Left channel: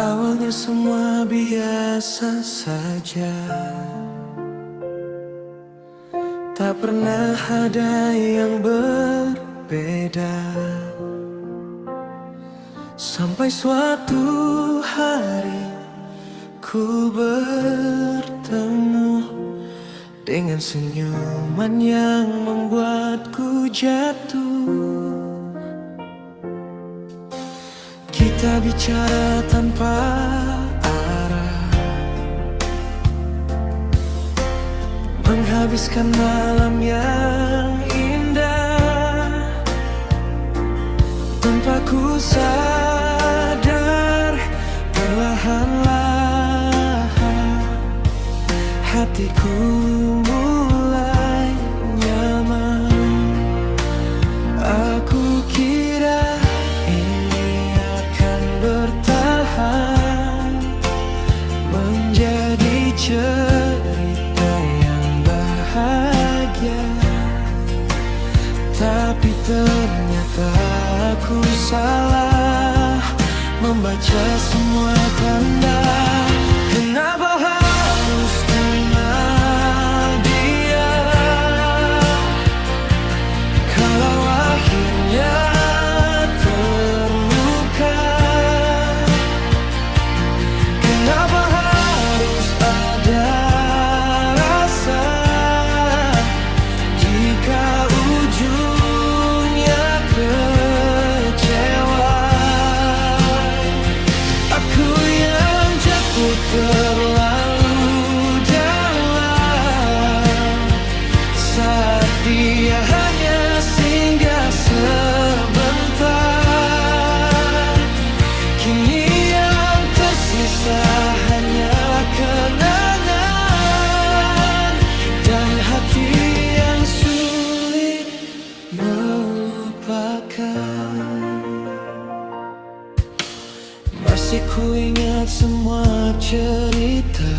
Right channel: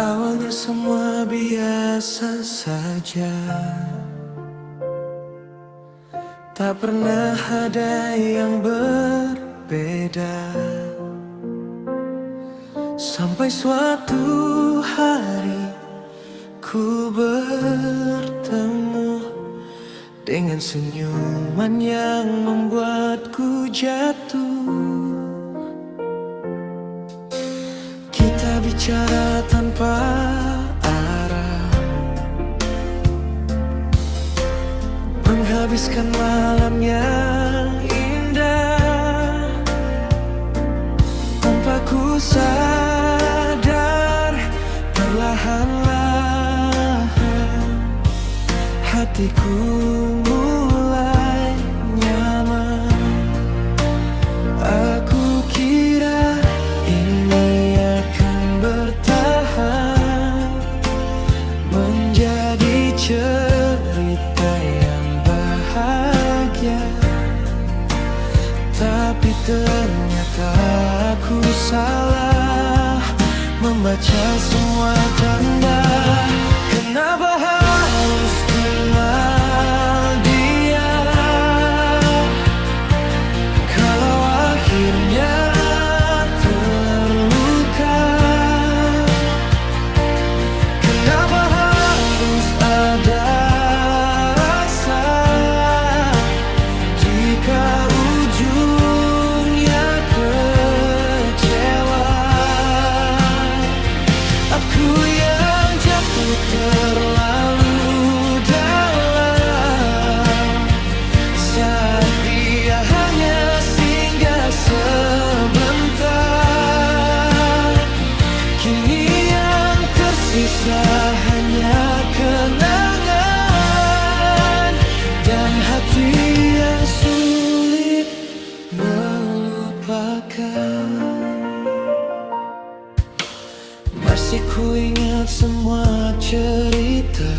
Awalnya semua biasa saja, tak pernah ada yang berbeda. Sampai suatu hari ku bertemu dengan senyuman yang membuatku jatuh. Kita bicara tanpa arah, menghabiskan malam yang indah. Tanpa ku sadar, perlahan-lahan hatiku mulai nyaman. Aku kira ini akan bertahan, menjadi cerita yang bahagia. Tapi ternyata aku salah membaca semua tanda. Kenapa harus kenal dia kalau akhirnya terluka? Kenapa harus ada rasa jika ujungnya kecewa? Aku yang jatuh terlalu dalam saat dia hanya singgah sebentar. Kini yang tersisa hanya kenangan dan hati yang sulit melupakan. Masih ku ingat semua cerita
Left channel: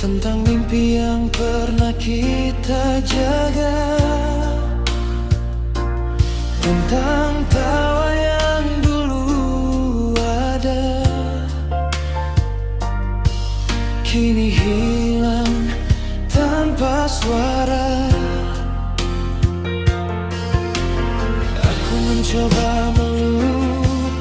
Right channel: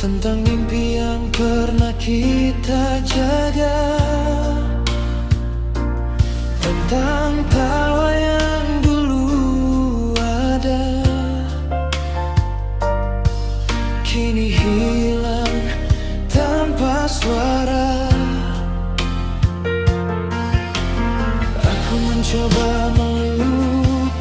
tentang mimpi yang pernah kita jaga, tentang tawa yang dulu ada, kini hilang tanpa suara. Aku mencoba melupakan,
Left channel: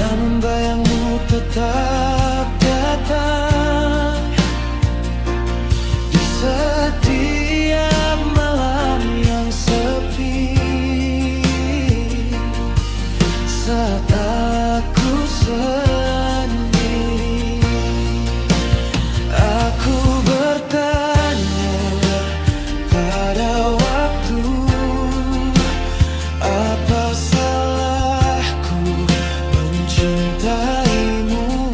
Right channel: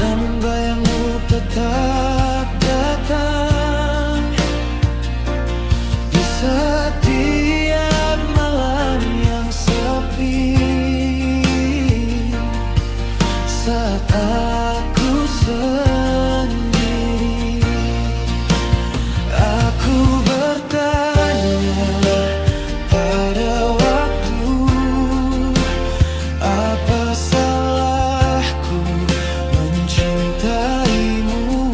namun bayangmu tetap datang di setiap malam yang sepi. Saat aku sendiri, aku bertanya pada waktu, apa salahku mencintaimu?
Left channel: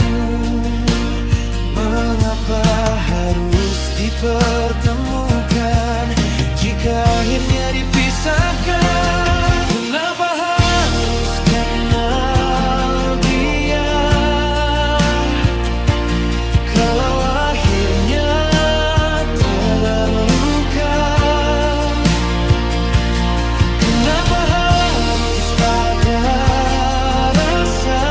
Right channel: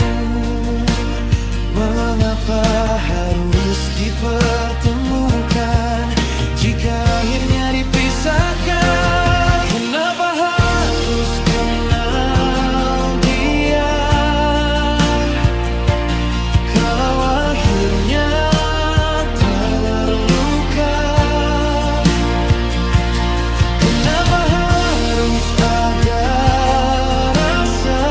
Mengapa harus dipertemukan jika akhirnya dipisahkan? Kenapa harus kenal dia kalau akhirnya terluka? Kenapa harus ada rasa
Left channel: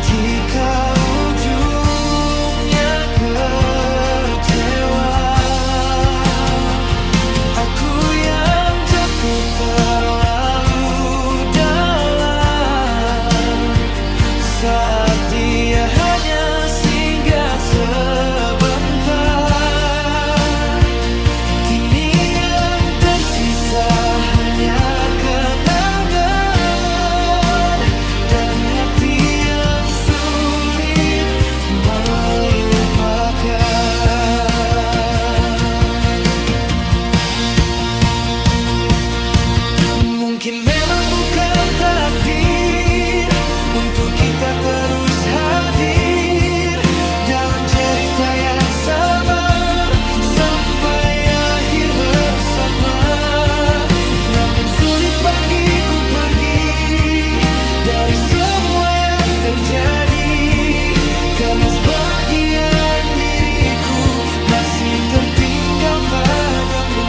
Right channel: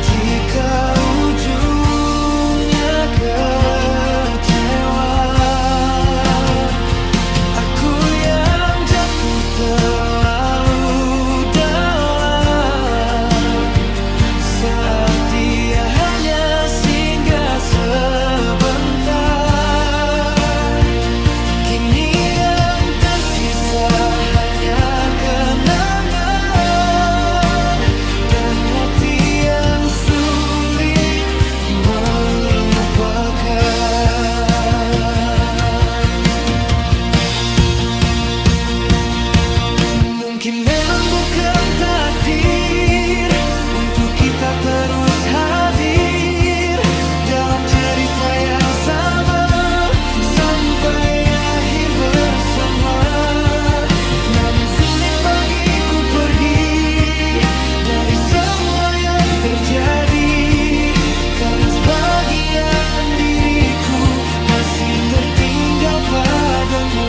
jika ujungnya kecewa? Aku yang jatuh terlalu dalam saat dia hanya singgah sebentar. Kini yang tersisa hanya kenangan dan hati yang sulit melupakan. Mungkin memang bukan takdir untuk kita terus hadir dalam cerita yang sama sampai akhir bersama. Namun sulit bagiku pergi dari semua yang terjadi, karena sebagian diriku masih tertinggal padamu.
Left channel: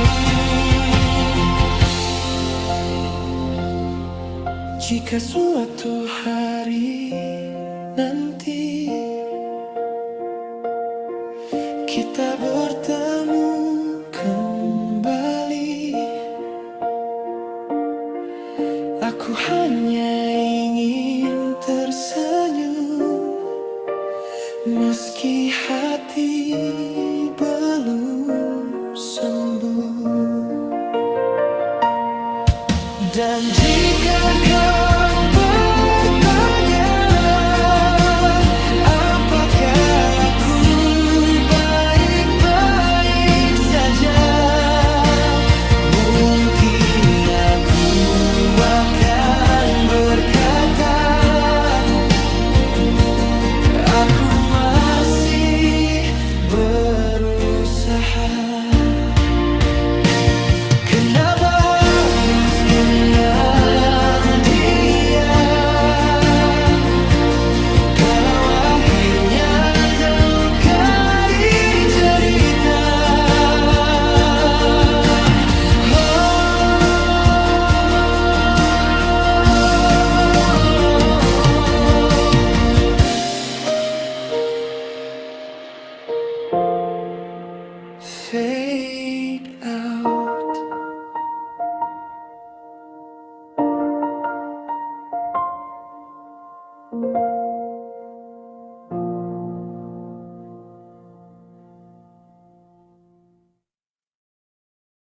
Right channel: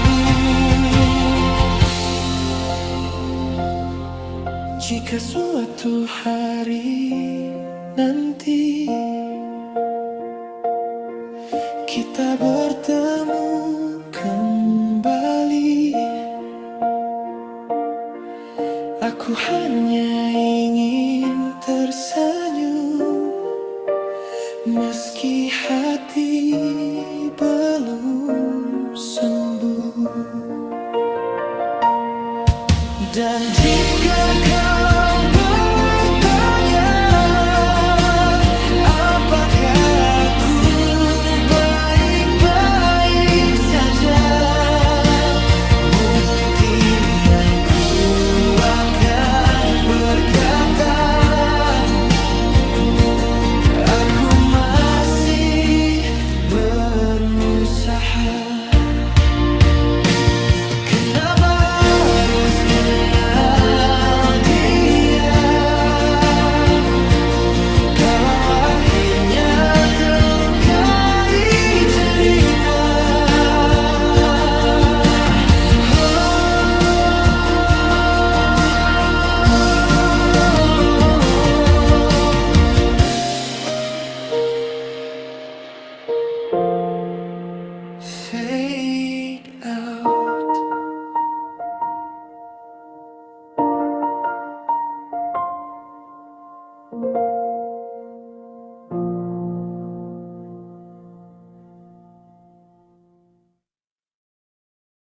Jika suatu hari nanti kita bertemu kembali, aku hanya ingin tersenyum, meski hati belum sembuh. Dan jika kau